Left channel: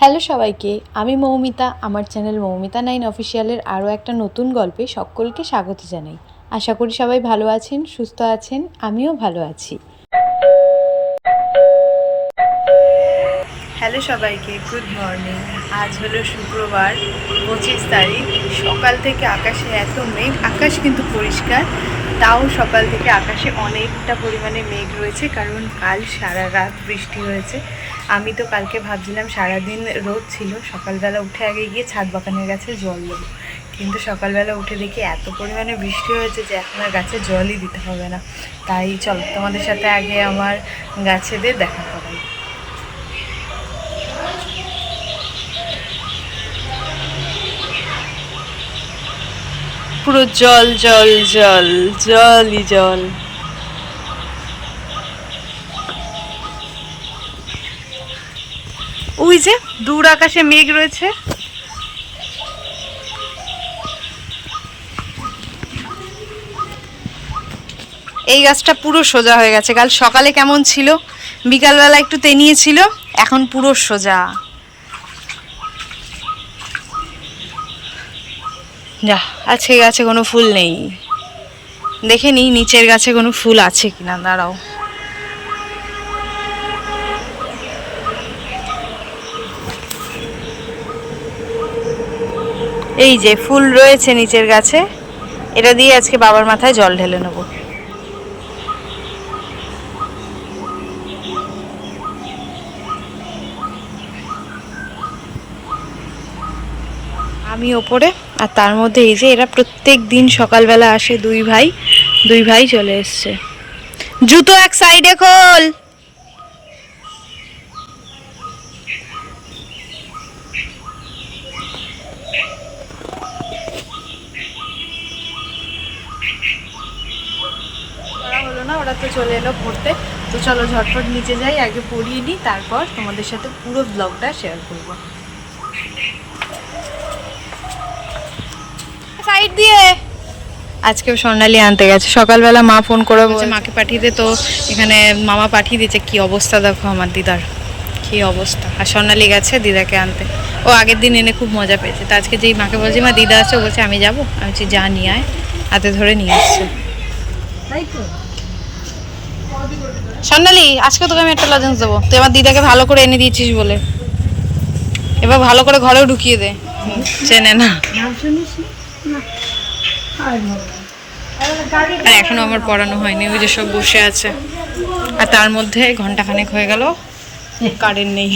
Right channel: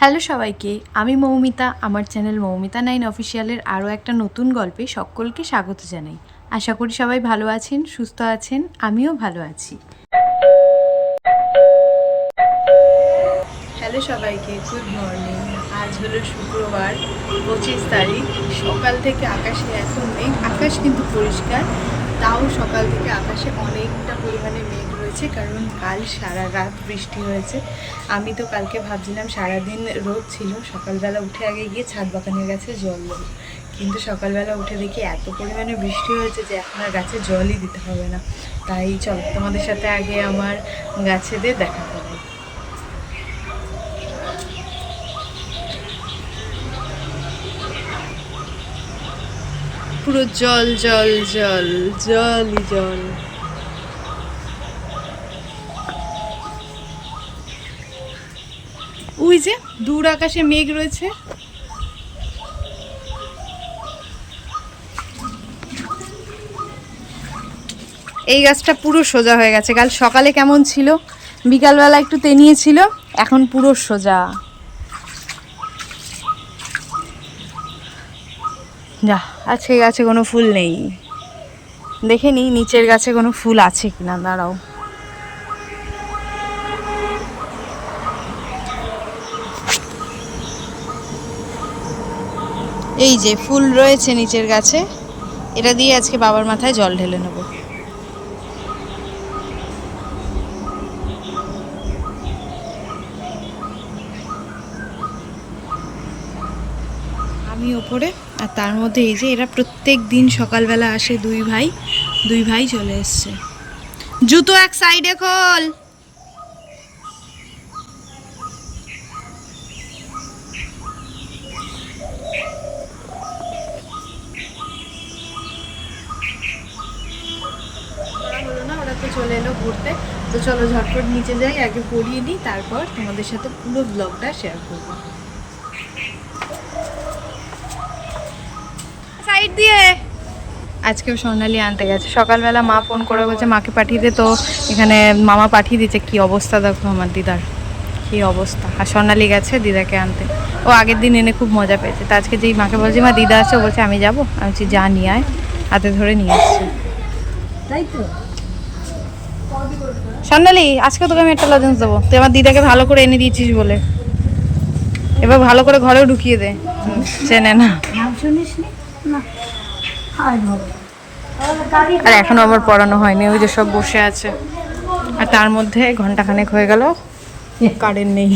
Hello সবাইকে, আমি মৌমিতা, আমার চ্যানেল মৌমিতা নাইন অফিসিয়ালের আরও একটা নতুন গল্পে সকলকে স্বাগত জানাই। আশা করি সবাই ভালো আছেন, সুস্থ আছেন, আমিও ভালো আছি। হ্যালো সবাইকে গুড মর্নিং আজ হলো শুক্রবার, পঁচিশ তারিখ। সকাল থেকে আকাশে এত মেঘ, আকাশ কিন্তু পরিষ্কার। তাও সকাল থেকে আকাশে অনেকটা পরিমাণে মেঘ রয়েছে, কারণ কাল সারা রাত বৃষ্টি হয়েছে। আমি তো কালকে ভাবছিলাম সারাদিন রোদ ছিল, সকালবেলা উঠে আগে গিয়ে ছাদ বাগানের গাছে জল দেবো। কিন্তু সকালবেলা উঠে দেখি এত পরিমাণে বৃষ্টি হয়েছে যে এখন আর গাছে জলই দিতে হবে না। তাই চলো তোমাদের সাথে আগে আমার গাছেদের দেখা করাই। পুরো জল জল জল, জলই জল। ওই যে দূর আকাশে মেঘ রয়েছে। এই গাছটা পুরো সোজা হয়ে গেছে। কাল সকালে কেমন ছিল? বিকালবেলা একটু তেনিয়েছিল এখন পুরো সোজা। যা, আজকে গাছে কোনো ফুল নেই। দেখে নিই নিচের গাছে কোনো ফুল আছে কিনা, দাঁড়াও। এই যে, ফুল রয়েছে নিচের গাছে। এটা দিয়ে আজকে বাবার মাথায় জল ঢেলে নেব। আমি ওপরে, আর তার মধ্যে এই যে এরা প্রত্যেক দিন সকালবেলা আসে দুই ভাই দুই ভাই চলে এসছে। জুতো এক সাইডে খোল। হলো না, ওরা তো চলে এলো পড়তে। তো চলো ঝটফট নিচে যাই, আগে পড়িয়ে নিই, তারপর তোমাদের সাথে পুরো ব্লগটা শেয়ার করব। সাইড দিয়ে। আজকেও স্বর্ণালী আনতে গেছে। সকালবেলা মা ফোন করে বলছে, মাকে পাঠিয়ে দে তো। এখানে মামা পাঠিয়ে দিচ্ছে কি অবস্থা দেখো আমার দিদার। কি অবস্থা। আর স্বর্ণালী গেছে দিদাকে আনতে। ও আগের দিন এনে খুব মজা পেয়েছে। তো আজকে যেই মাকে বলছে, মা, দিদা আছে ও বলছে, আমি যাব? আমি বলছি, যা, নিয়ে আয়। হাতে ধরে নিয়ে এসছে। স্বর্ণালী, আজকে তোকে আমি একটা লজেন্স দেবো। তুই আমার দিদাকে ভালো করে এনে দিয়েছিস বলে। এবার ভালো করে ঘরেও ঢুকিয়ে দে। চেনে না? আর এখনও আমার পড়ানো হয়নি, ওই যে সব বসে আছে। আর তার মধ্যে ঘন্টাখানেক হয়ে গেল। কারেন্ট নেই।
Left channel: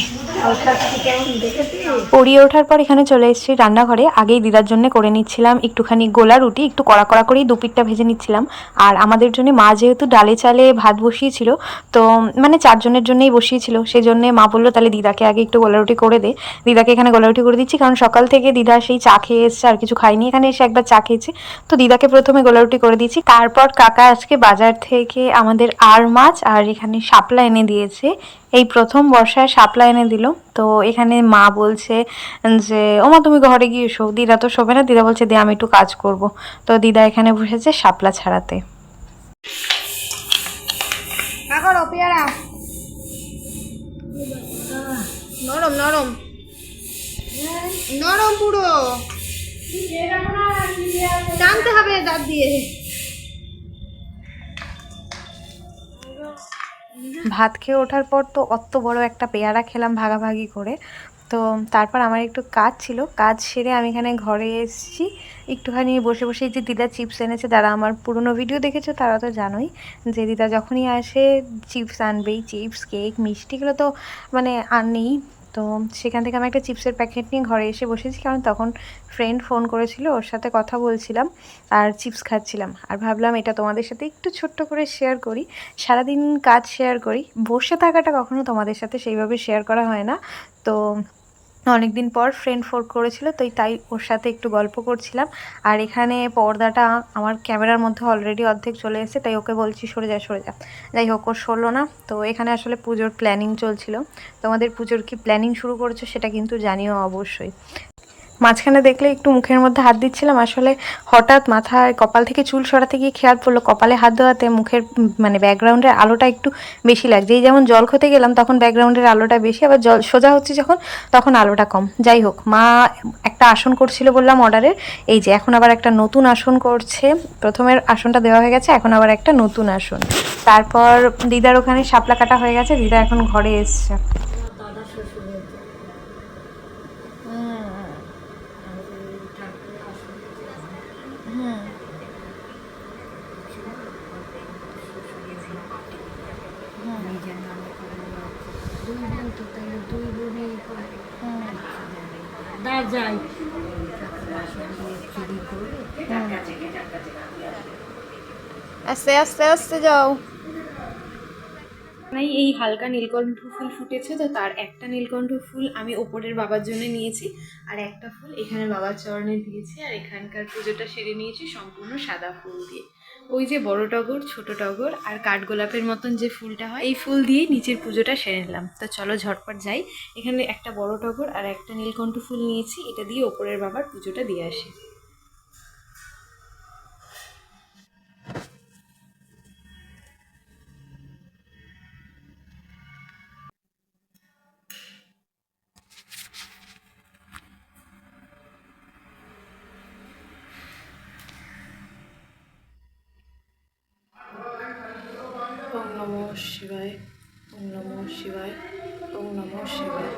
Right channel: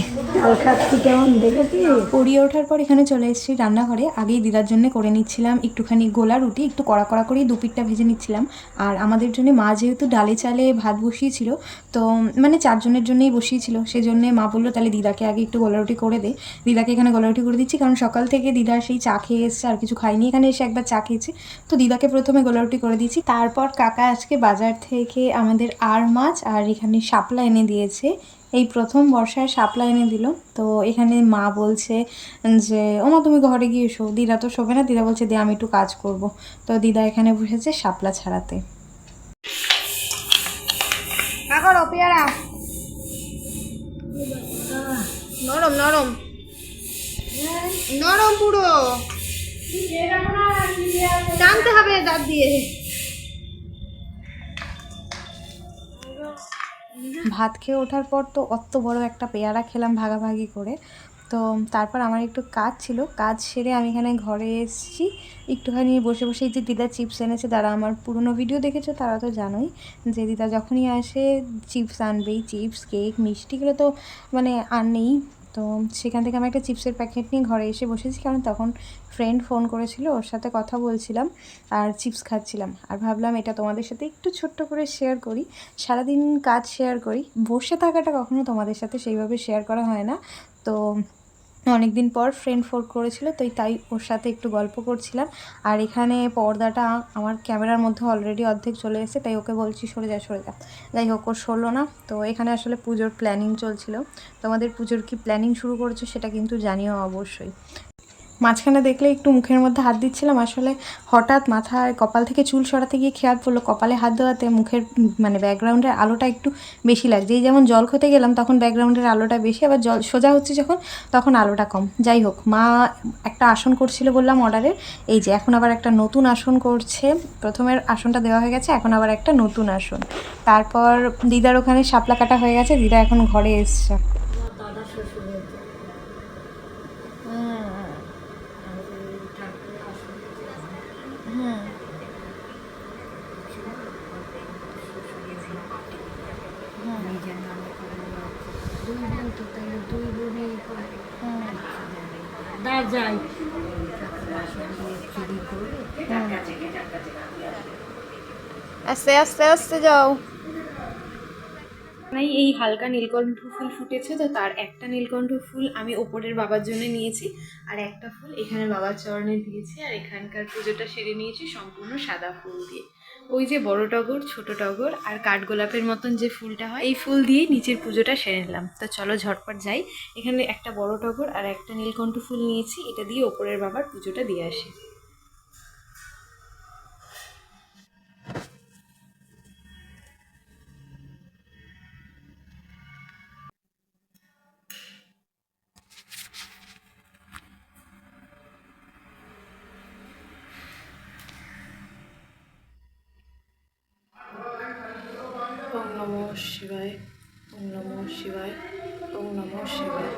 পড়িয়ে ওঠার পর এখানে চলে এসেছি রান্নাঘরে। আগেই দিদার জন্য করে নিচ্ছিলাম একটুখানি গোলা রুটি, একটু কড়া কড়া করেই দুপিটটা ভেজে নিচ্ছিলাম। আর আমাদের জন্য মা যেহেতু ডালে চালে ভাত বসিয়েছিল, তো মানে চারজনের জন্যই বসিয়েছিল সেই জন্য মা বলল, তাহলে দিদাকে আগে একটু গোলা রুটি করে দে। দিদাকে এখানে গোলা রুটি করে দিচ্ছি, কারণ সকাল থেকে দিদা সেই চা খেয়ে এসছে, আর কিছু খাইনি এখানে এসে একবার চা খেয়েছে। তো দিদাকে প্রথমে গোলা রুটি করে দিচ্ছি। তারপর কাকা আজকে বাজার থেকে আমাদের আর মাছ, আর এখানে শাপলা এনে দিয়েছে। এই প্রথম বর্ষায় শাপলা এনে দিল। তো এখানে মা বলছে যে, ওমা, তুমি ঘরে গিয়ে শো দিদা তো শোবে না। দিদা বলছে, দে, আমি একটু কাজ করব। তো দিদা এখানে বসেছে শাপলা ছাড়াতে। নরম নরম। নরম পুরো। টানতে হবে দাঁত দিয়ে। ভাত খেয়ে ওঠার পর তো অত বড় একটা পেয়ারা খেলাম ভাগাভাগি করে। তো তারপর আমার একটু কাজ ছিল। কাজ সেরে আমি এখানে ঘরে এসেছি। একটুখানি বসে বসে যে দিদা চিপস এনেছে তারা আমার পুরনো ভিডিও দেখেছ তারা তো জানোই যে দিদা যখনই আসে, চিপস আনবেই, চিপস, কেক মিষ্টিগুলো তো মানে আর নেই তো সেখান থেকে আমি একটা চিপসের প্যাকেট নিয়ে ঘরে এসে বসেছি, কারণ তখন ফ্রেন্ড ফোন করেছিল, ওর সাথে কথা বলছিলাম আর চিপস খাচ্ছিলাম। আর ভাবলাম এটা তোমাদের সাথে একটু ছোট্ট করে শেয়ার করি, সারাদিন কাজ শেয়ার করি। বসে থাকাটা কখনো তোমাদের সাথে সেইভাবে শেয়ার করা হয় না। তো অনেক দিন পর ফ্রেন্ড ফোর করেছিল, তো তাই ওর সাথে একটু গল্প করছিলাম। আর এখানে পর্দাটা আমার ক্যামেরার মধ্যে অলরেডি অর্ধেক চলে এসে তাই ওকে বলছি সরে যা সরে যা। যাই হোক ওর সরলো না। তো এখানে আসলে পুজোর প্ল্যানিং চলছিল। তোমাদের পুজোর কি প্ল্যানিং শুরু করেছ সেটা কিন্তু জানিও অবশ্যই। মাঝখানে দেখলে একটু মুখের মধ্যে হাত দিচ্ছিলাম। আসলে হঠাৎ মাথায় কপাল থেকে চুল সরাতে গিয়ে খেয়াল পড়ল, কপালে হাত দেওয়াতে মুখের মানে ব্যাকগ্রাউন্ডের আলোটা একটু বেশি লাগছে। এই যেমন জল খেতে গেলাম, তখন ব্যাকগ্রাউন্ডের আলোটা বেশি, আবার জল সোজা হচ্ছে যখন, তখন আলোটা কম। যাই হোক, মা একটা আসন করছিল বললাম অর্ডারের এই যে, এখন আবার একটা নতুন আসন করছে। প্রথমের আসনটা দেওয়া হয়ে গেছে, এখন আবার একটা নতুন আসন। তারপর দিদার ওখানে শাপলা কাটা হয়ে গেছে, দিদা এখন ঘরে এসছে দাদা শ্বশুর হয়েছে নিজের নামে করে দুই বোন দা যাই আস্তে আস্তে আস্তে যাও। নাই এই হালকা নীলকণ্ঠ ফুল ফুটেছে তো, তার একটা নীলকণ্ঠ ফুল আমি ওপরের বাবার জন্য নিয়েছি, আর একটা ফুল এখানে বাবার চরণে দিয়েছি, আর এখানকার পুজোটা সেরে নিয়েছি সম্পূর্ণ সাদা ফুল দিয়ে। ওই যে বড় টগর, ছোট টগর আর কাঠগোলাপের মতন যে ফুলটা হয়, এই ফুল দিয়ে নিচের পুজোটা সেরে নিলাম। তো চলো ঝটপট যাই। এখানে একটা বড় টগর আর একটা নীলকণ্ঠ ফুল নিয়েছি। এটা দিয়ে ওপরের বাবার পুজোটা দিয়ে আসি। শিবায়, ওম নমঃ শিবায়, ওম নমঃ শিবায়।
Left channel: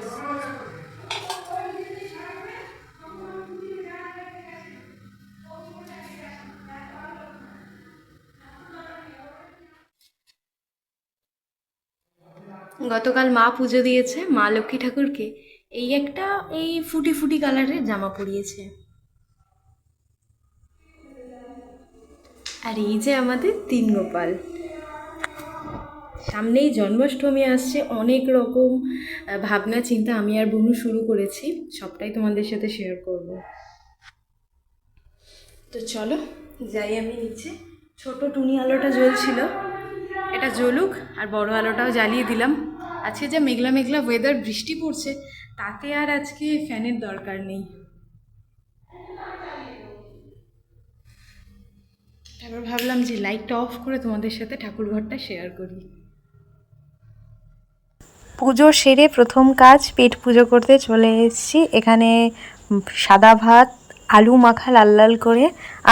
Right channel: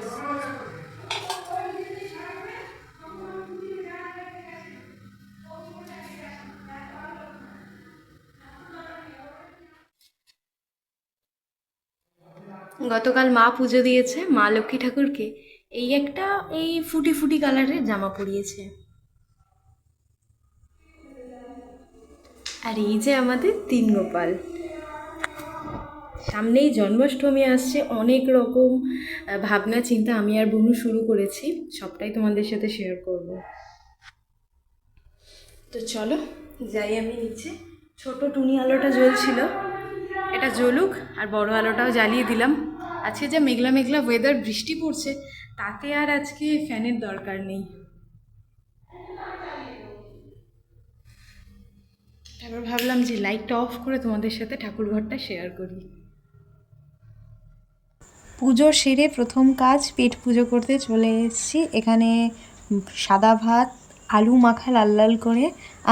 গতকাল মা পুজো দিয়েছে, মা লক্ষ্মী ঠাকুরকে। এই একটা এই ফুটি ফুটি কালারের জামা পরিয়েছে। আর এই যে আমাদের তিন গোপাল। সামনেই জন্মাষ্টমী আসছে, অনেক রকম ভাবনা, চিন্তা আমি আর বনু শুরু করেছি। সবটাই তোমাদের সাথে শেয়ার করব। তো চলো, যাই আমি নিচে। ছোট টুনি আলোটা জ্বলছিল। এটা জ্বলুক, আর বড় আলোটাও জ্বালিয়ে দিলাম। আজকে যে মেঘলা মেঘলা ওয়েদার বৃষ্টি পড়ছে, তাতে আর আজকে ফ্যানের দরকার নেই। তারপর ভাবলাম যে লাইটটা অফ করে তোমাদের সাথে ঠাকুর ঘরটা শেয়ার করি। পুজো সেরে প্রথম কাজ পেট পুজো করতে চলে এসেছি। এখানে সাদা ভাত আলু মাখা লাল লাল করে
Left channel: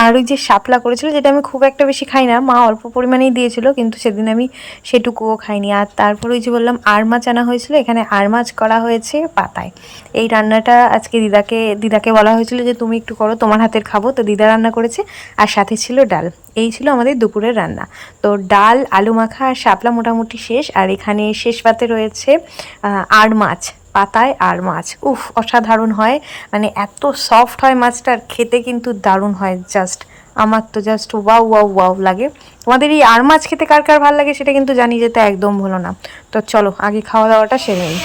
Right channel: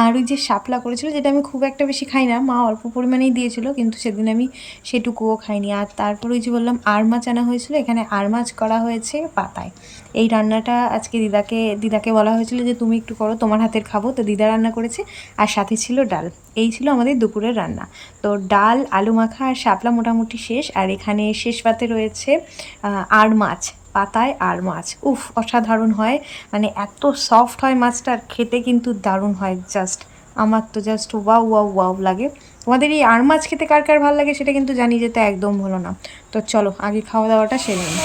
আর ওই যে শাপলা করেছিল, যেটা আমি খুব একটা বেশি খাই না, মা অল্প পরিমাণেই দিয়েছিল, কিন্তু সেদিন আমি সেটুকুও খাইনি। আর তারপর ওই যে বললাম, আর মাছ আনা হয়েছিল, এখানে আর মাছ করা হয়েছে পাতায়। এই রান্নাটা আজকে দিদাকে দিদাকে বলা হয়েছিল যে, তুমি একটু করো, তোমার হাতের খাব। তো দিদা রান্না করেছে, আর সাথে ছিল ডাল। এই ছিল আমাদের দুপুরের রান্না। তো ডাল, আলু মাখা আর শাপলা মোটামুটি শেষ, আর এখানে শেষ পাতে রয়েছে আর মাছ। পাতায় আর মাছ। উফ, অসাধারণ হয়। মানে এত সফট হয় মাছটা আর খেতে কিন্তু দারুণ হয়। জাস্ট আমার তো জাস্ট ওয়াও ওয়াও ওয়াও লাগে। তোমাদের এই আর মাছ খেতে কার কার ভালো লাগে সেটা কিন্তু জানি যেতে একদম হলো না। তো চলো, আগে খাওয়া দাওয়াটা সেরে নিই।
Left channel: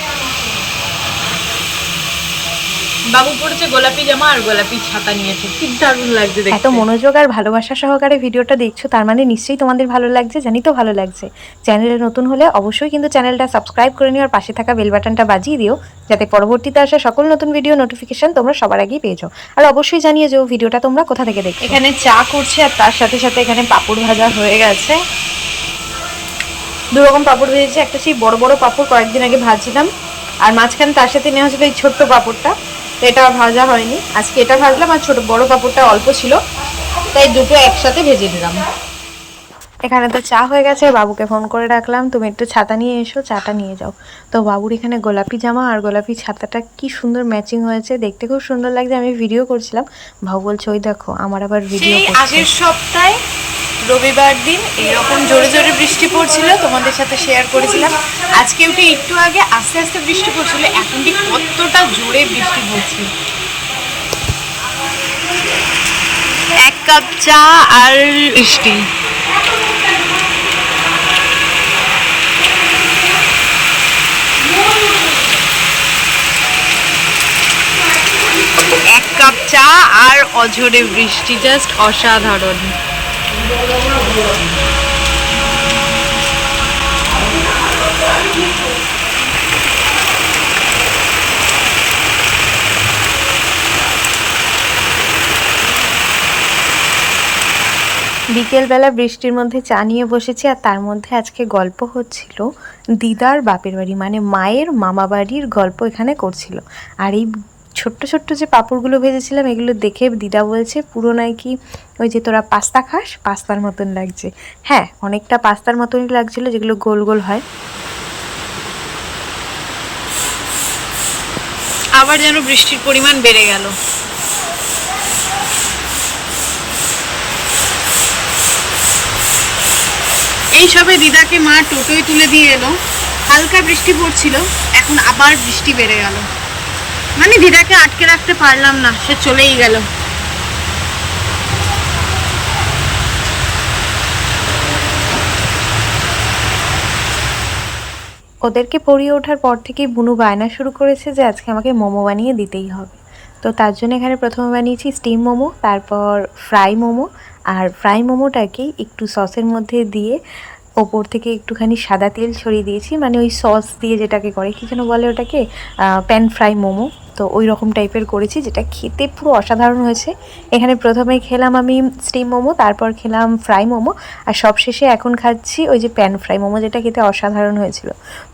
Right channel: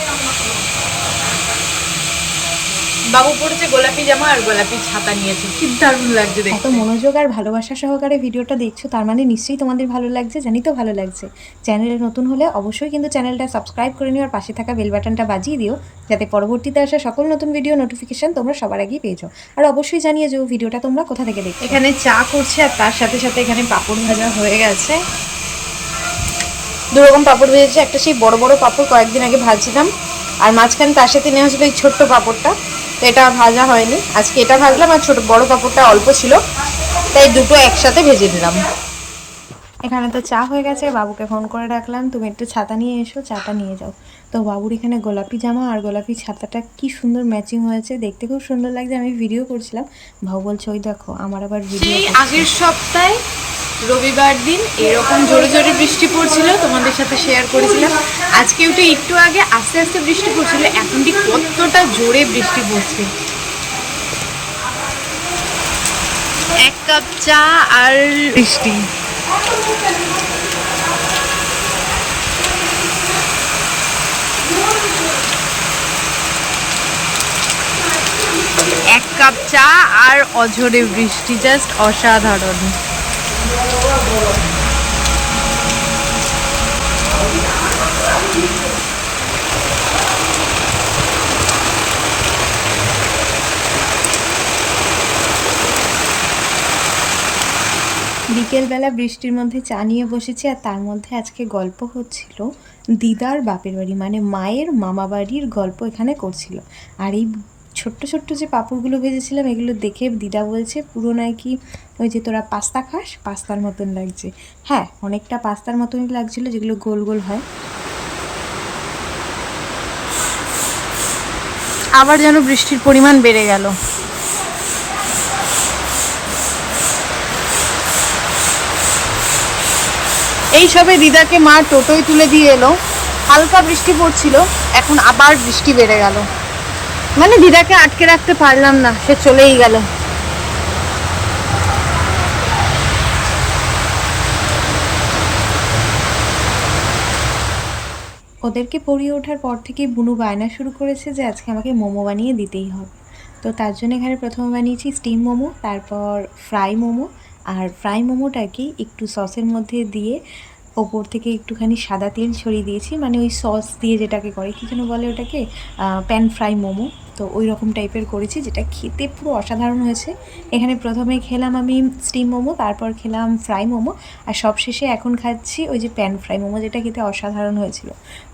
বাবু পড়েছে গোলাপি জামা আর গোলাপি ছাতা নিয়েছে। কি দারুণ লাগছে দেখতে। এত মনোযোগ আর ভালোবাসা সহকারে ভিডিওটা দেখছ তার মানে নিশ্চয়ই তোমাদের ভালো লাগছে জানি তো ভালো লাগছে। চ্যানেলে নতুন হলে অবশ্যই কিন্তু চ্যানেলটা সাবস্ক্রাইব করে নিও আর পাশে থাকা বেল বাটনটা বাজিয়ে দিও যাতে পরবর্তীতে আসা সকল নতুন ভিডিও নোটিফিকেশন তোমরা সবার আগেই পেয়ে যাও। আর অবশ্যই জানিয়ে যাও ভিডিওটা তোমরা কোথা থেকে দেখছ। এখানে চা করছে আর তার সাথে সাথে এখানে পাপড় ভাজা হয়ে গেছে। দু রকম পাপড় ভেজেছে একটা সেই বড় বড় পাপড় কয়েকদিন আগে ভাজছিলাম আর মাঝখানে তার সাথে নেওয়া হয়েছিল এই ছোট্ট পাপড়টা। তো এটা ভাজা হয়নি। আজকে এটা ভাজলাম আর ছোট বড় পাপড়টা অল্প ছিল। তাই দুটো একসাথে ভেজে নিলাম। এখানে তো চা হয়ে গেছে বাবুকে ফোন করে রাখলাম। তুমি একটু ছাতা নিয়ে এসো চাটা নিয়ে যাও। তো বাবুর এখানে গোলাপি জামা আর গোলাপি ছাতাটা কি সুন্দর ম্যাচিং হয়েছে। দেখতে খুব সুন্দর লাগছে আমি ভিডিও করছিলাম। বাবু বলছে ওই দেখো আমার আবার ভিডিও আগের সপ্তাহে রবিবার দিন এরকম জোরে জোরে বৃষ্টি পড়ছিল, তোমাদের সাথে শেয়ার করেছিলাম। আজকে উঠে একটু আগে আস্তে আস্তে বৃষ্টি পড়ছিল, এখন ঠিক কতটা জোরে বৃষ্টি পড়ছে। এক কাপ চা আর বৃষ্টি এক কাপ চা আর অঝরে বৃষ্টি জাস্ট অসাধারণ। বিকেলবেলা বৃষ্টির মধ্যে চা নিয়ে বসেছি আর তার মধ্যে আজকে গল্প হচ্ছিল দিদার বাপের বাড়ি মানে মায়ের মামা বাড়ির গল্প এখানে করছিল। আর এই ছোট্ট ছোট্ট যে পাঁপড়গুলো ভেজেছিলাম, এগুলো দেখে দিদা বলছে, পুরো নাকি ওই যে তোরা পাস্তা খাস, পাস্তার মতন লাগছে। হ্যাঁ অনেকটা পাস্তার মতনই লাগছিল, যেগুলো গোল গোল হয়। আবার যেন বৃষ্টির পরিমাণ বেড়ে গেল। এই সবে দিদাকে মা টোটোয় তুলে দিয়ে এলো। হালকা বৃষ্টি পড়ছিল, এখন আবার বৃষ্টি বেড়ে গেল। মানে দিদাকে আটকে রাখতে পারলাম না, সে চলেই গেল। ওদেরকে পড়িয়ে ওঠার পর থেকেই বুনু বায়না শুরু করেছে যে আজকে আমাকে মোমো বানিয়ে দিতেই হবে। তো তার জন্য এখানে প্রথমে বানিয়েছি স্টিম মোমো, তারপর ফ্রাই মোমো আর ফ্রাই মোমোটাকে একটু সসের মধ্যে দিয়ে ওপর থেকে একটুখানি সাদা তেল ছড়িয়ে দিয়েছি মানে ওই সস দিয়ে যেটাকে করে, কী যেন বলে ওটাকে? Pan fry momo. তো ওই রকম টাইপের করেছি, যেটা খেতে পুরো অসাধারণ হয়েছে। এখানে প্রথমে খেলাম আমি স্টিম মোমো, তারপর খেলাম ফ্রাই মোমো, আর সবশেষে এখন খাচ্ছি ওই যে প্যান ফ্রাই মোমো, যেটা খেতে অসাধারণ হয়েছিল।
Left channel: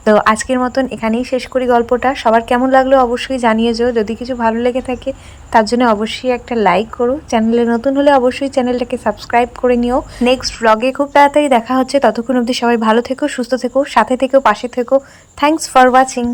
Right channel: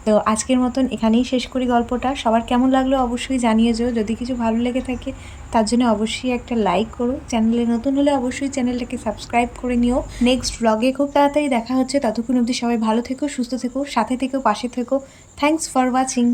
তো আজকের মতন এখানেই শেষ করি গল্পটা। সবার কেমন লাগল অবশ্যই জানিয়ে যেও। যদি কিছু ভালো লেগে থাকে, তার জন্য অবশ্যই একটা লাইক করো। চ্যানেলে নতুন হলে অবশ্যই চ্যানেলটাকে সাবস্ক্রাইব করে নিও। নেক্সট ব্লগে খুব তাড়াতাড়ি দেখা হচ্ছে। ততক্ষণ অবধি সবাই ভালো থেকো, সুস্থ থেকো, সাথে থেকো, পাশে থেকো। Thanks for watching